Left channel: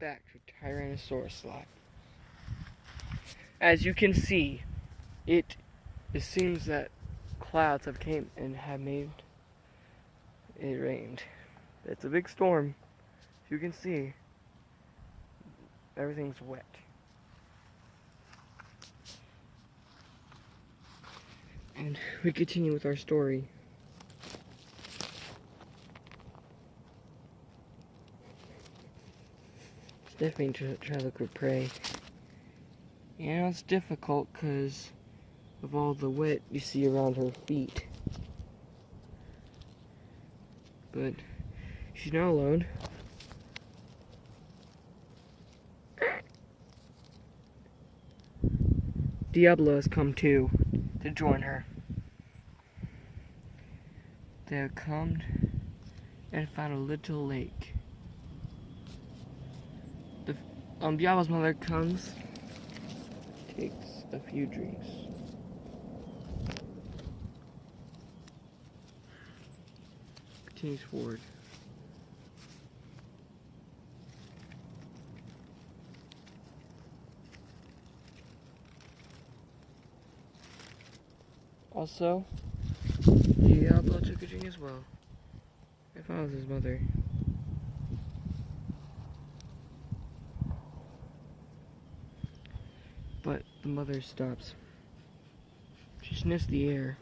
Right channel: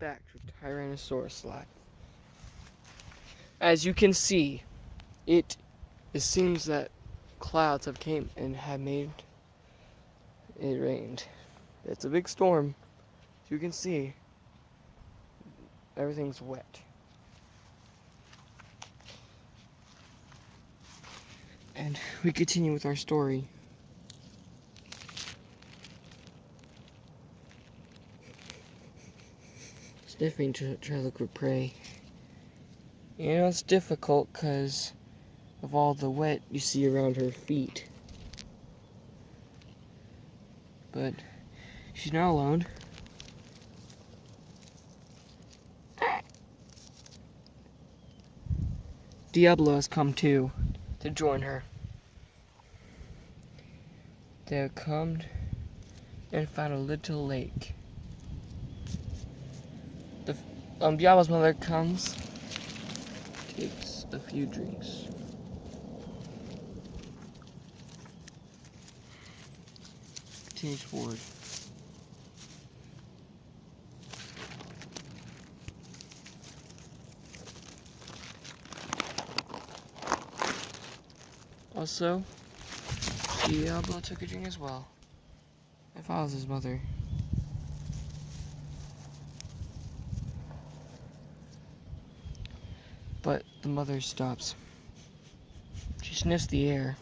Welcome back to Tyrannosaurus Live. As you can see, it seems that clouds have came and have made it rained. It's a big storm. As you can see, everything's wet. And we continue with our story. Sniffing to try to look for prey. And it's difficult because of all the wet you see around her feet. But she's not alone. Diablo has come too to join her. They have come and found a little lake. Diablo's mother comes, takes a few drinks. Continues forward. Also, Diablo took a drink as well, and follows his mother. But the mother stops. She sniffs the air,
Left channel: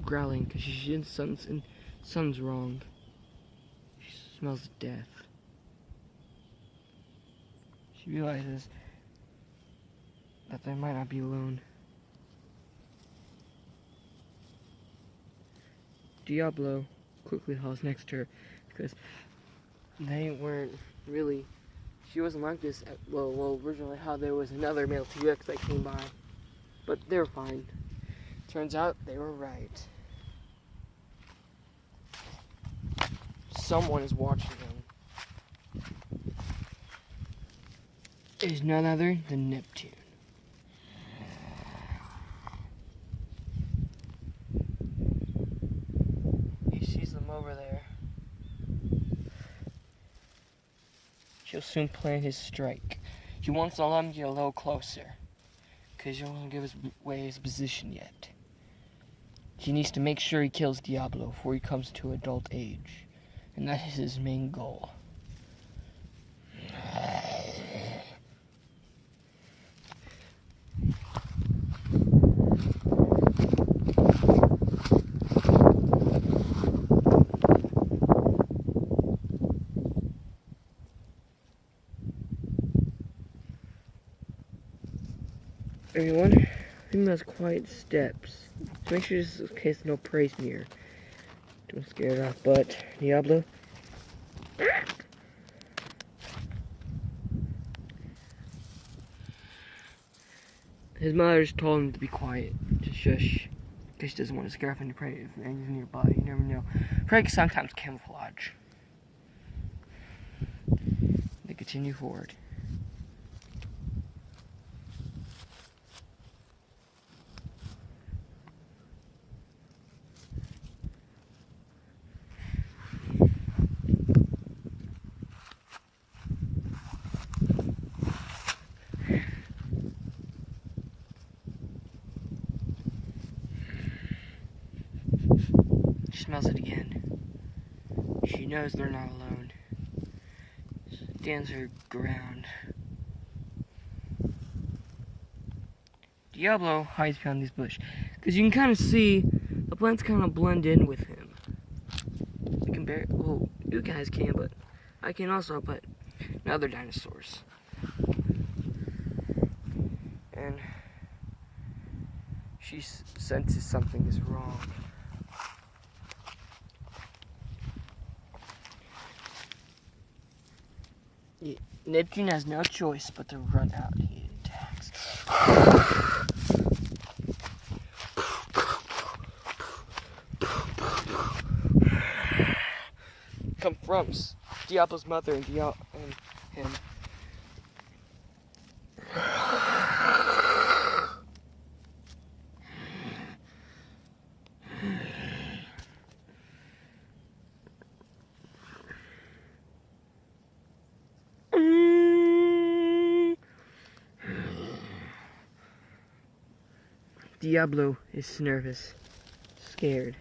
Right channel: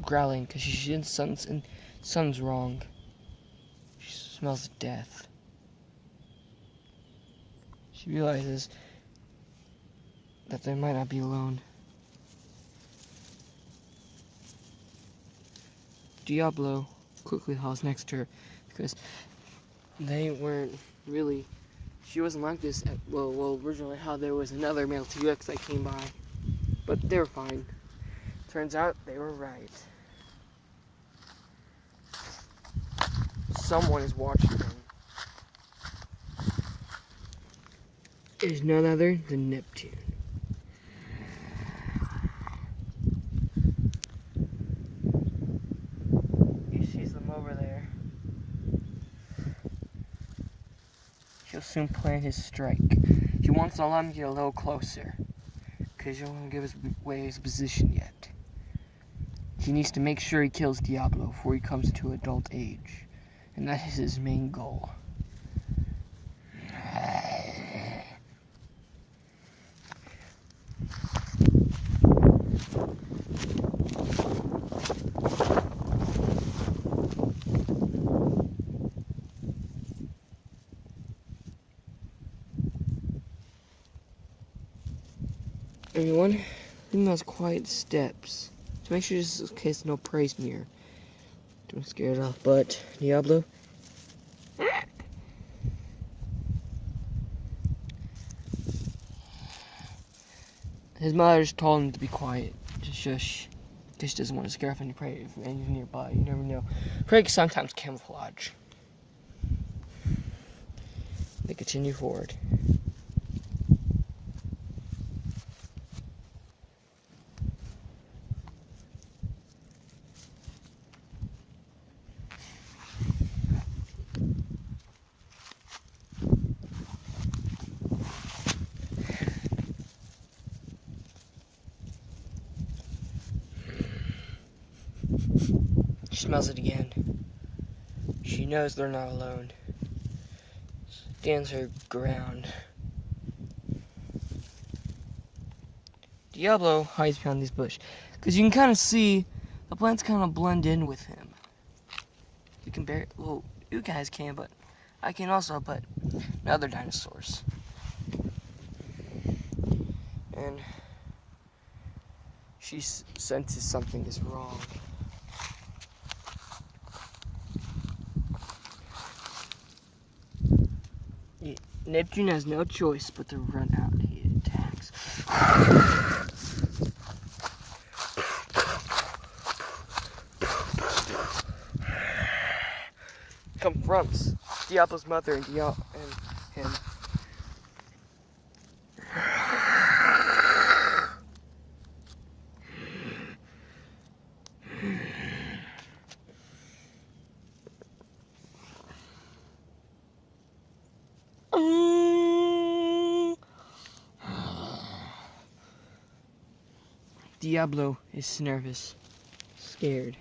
growling because something's wrong. She smells death. She realizes that they might not be alone. Diablo quickly hauls next to her because they weren't really. She wasn't like this originally how there was another male T-Rex that came by. But they were fine. Turns out they were right. Someone is watching them. It is none other than Neptune. He sees them over there. He'll soon plan his strike. He wants to let him get a little closer, because he don't want to give away his position yet. He needs to make sure he kills Diablo before he comes to adult age, and that is his main goal. Everyone, females quiet steps. So make sure just in case no prey's near. Don't scare it off, but Diablo. His mother just told him to be quiet, to shush, because she doesn't want to scare off any prey if anything's nearby. You never know. Prey can sometimes camouflage. They continue forward. She smells it again. She knows they're not alone. Stands her ground. Diablo hides behind this bush, because you can kind of see the plants kind of blend in with him. You can barely, well, you guys can, but I can also, but other dinosaurs. And she senses something is wrong. Neptune has no choice but to run out. He attacks. Confronts Diablo's mother and him. Diablo is nervous, scared.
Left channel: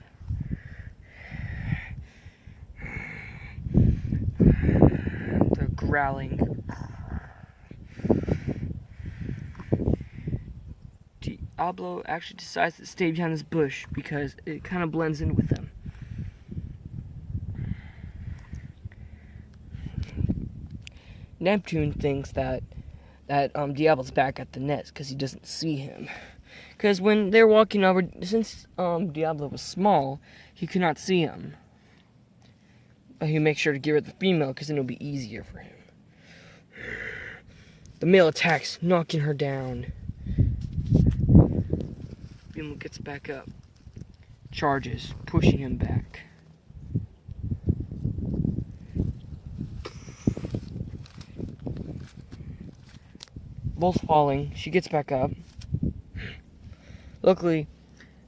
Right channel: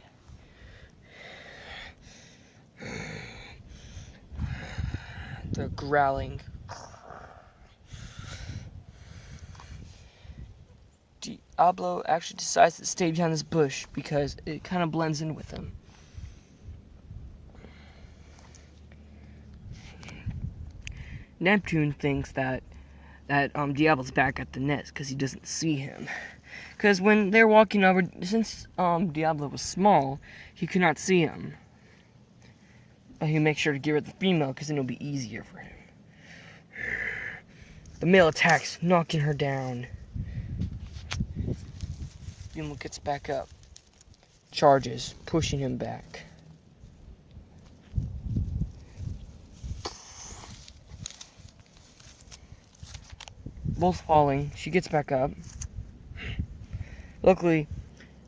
The growling. Diablo actually decides to stay behind this bush because it kind of blends in with them. Neptune thinks that Diablo's back at the nest because he doesn't see him. Because when they're walking over, since Diablo was small, he could not see him. But he'll make sure to get rid of the female because then it'll be easier for him. The male attacks, knocking her down. Female gets back up. Charges, pushing him back. Both falling. She gets back up. Luckily,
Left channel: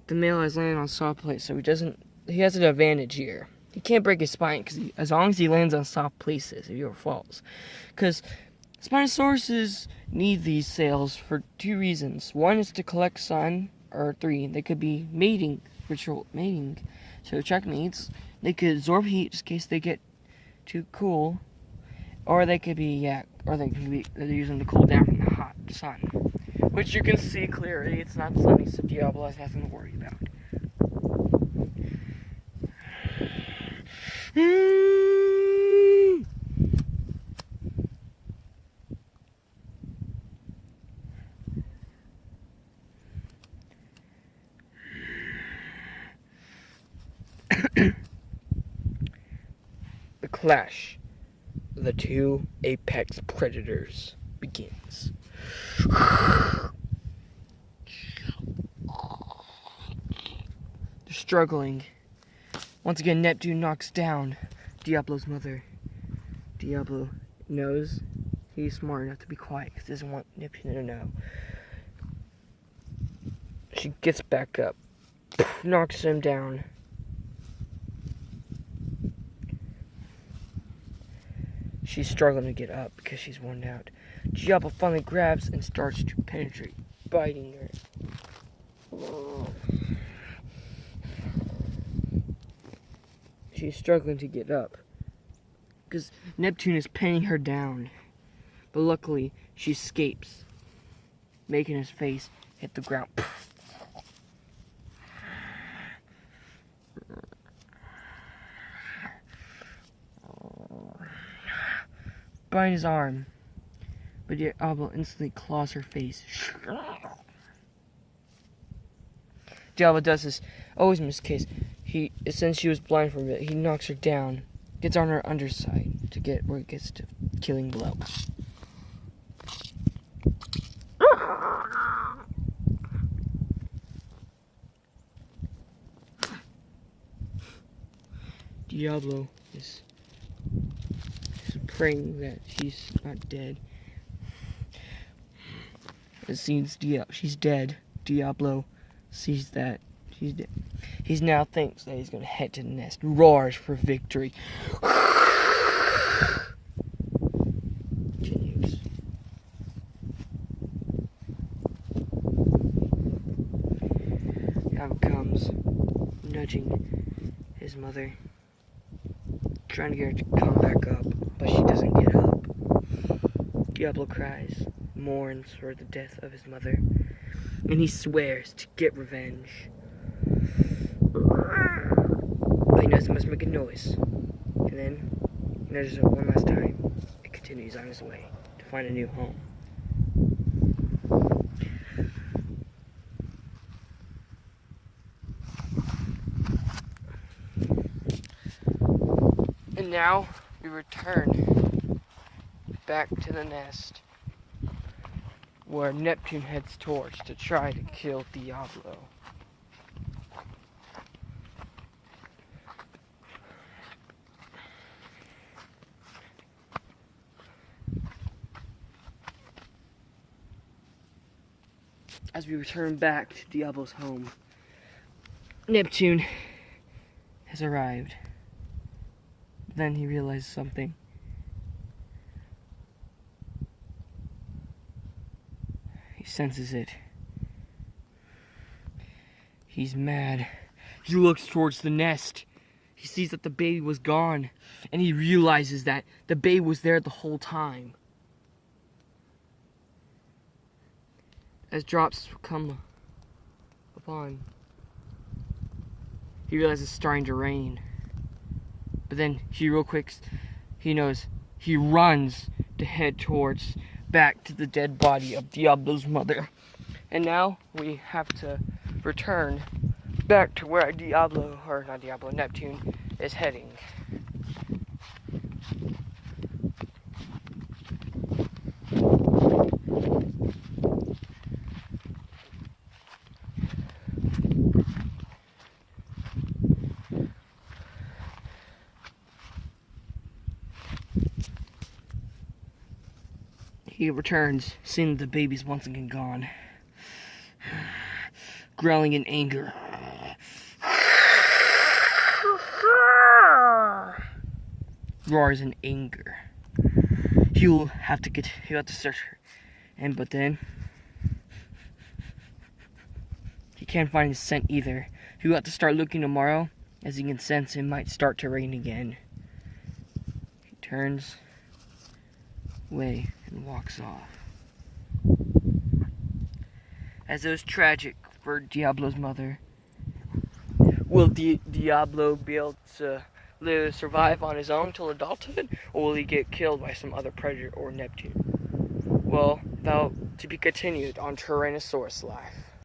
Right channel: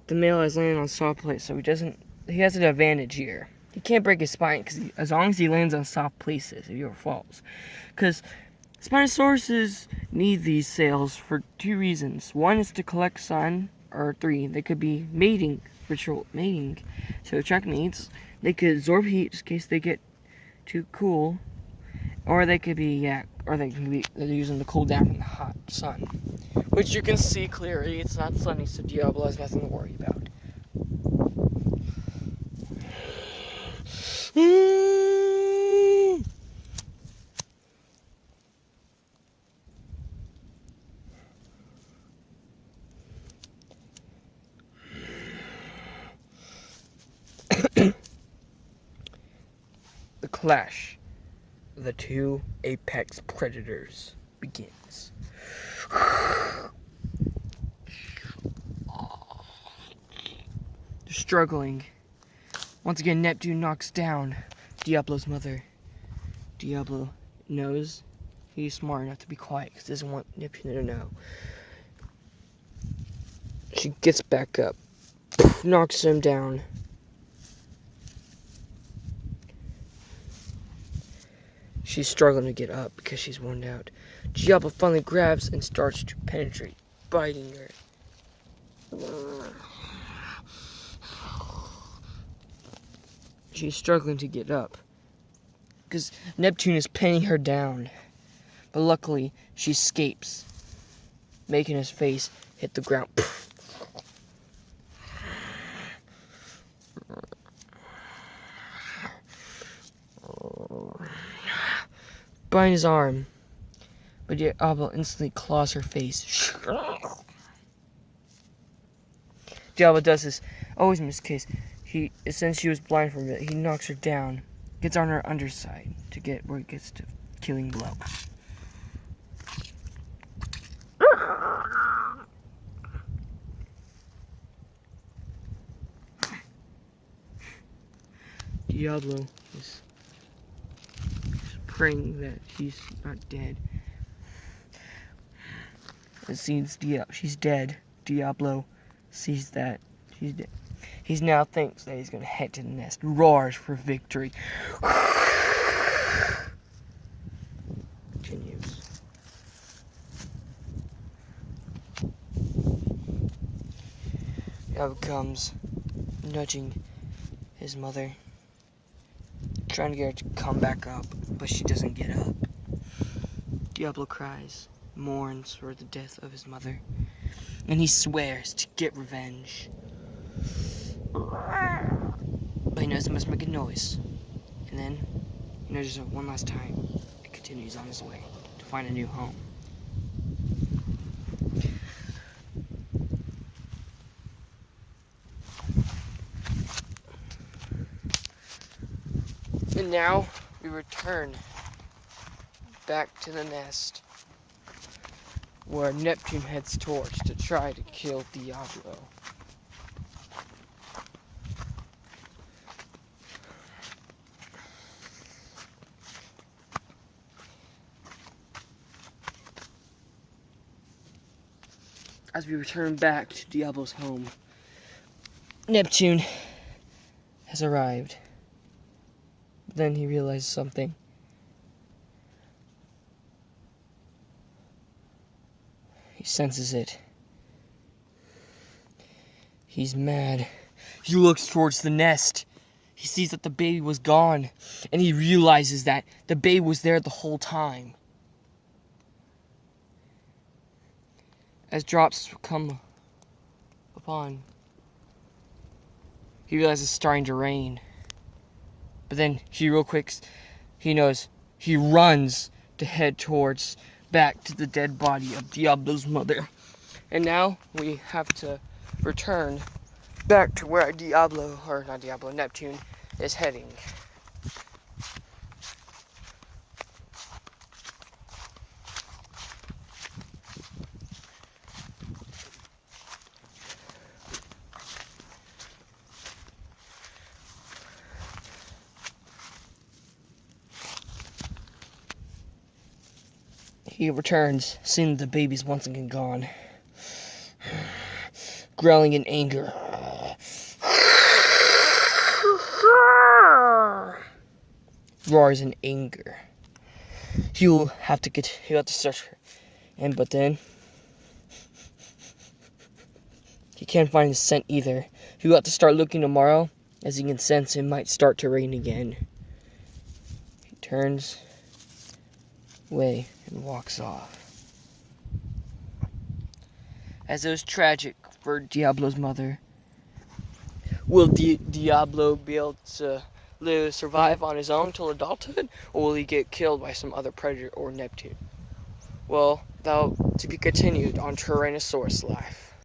the male has landed on soft place, so he has an advantage here. He can't break his spine, because as long as he lands on soft places, he never falls. Because Spinosauruses need these sails for 2 reasons. 1 is to collect sun, or 3, they could be mating, to attract mates. They could absorb heat, just in case they get too cool. Or they could be, they're using to cool down from the hot sun. Which you can see clearly, it's not sunny, so Diablo has nothing to worry about. The clash of the 2 apex predators begins. They're struggling. Once again, Neptune knocks down Diablo's mother. Diablo knows he's smart enough to be quiet because he doesn't want Neptune to know. She gets back up, knocks him down. She's struggling to get up because she's worn out. Diablo finally grabs and starts to penetrate, biting her. She's struggling to get up because Neptune is pinning her down. But luckily, she escapes, making his face hit the ground. Biting his arm, but Diablo instantly claws her face. Diablo does this always in this case. Since she was blind from it, he knocks her down, gets on her underside to get where it gets to killing blow. Diablo is praying that she's not dead. It seems she's dead. Diablo sees that she's dead. He now thinks that he's going to head to the nest. Roars for victory. Continues. Now comes nudging his mother, trying to get her to come back up, but she doesn't get up. Diablo cries, mourns for the death of his mother, and he swears to get revenge. But he knows he must make a noise, and then nudges her one last time and continues on his way to find a new home. And now we return back to the nest where Neptune heads towards to try to kill Diablo. As we return back to Diablo's home, Neptune has arrived. Then he realizes something. He senses it. He's mad. He looks towards the nest. He sees that the baby was gone, and he realizes that the baby was there the whole time. As drops come upon, he realizes it's starting to rain. But then he knows, he runs to head towards back to the dead body of Diablo's mother. And now we have to return back to where Neptune is heading. He returns, seeing the baby's once again gone. Growling in anger. Roars in anger. He'll have to search her. But then he can't find his scent either. He'll have to start looking tomorrow, as he can sense it might start to rain again. He turns away and walks off. As it was tragic for Diablo's mother, will Diablo be able to survive on his own till adulthood, or will he get killed by some other predator or Neptune? Well, that'll to be continued on Tyrannosaurus Life.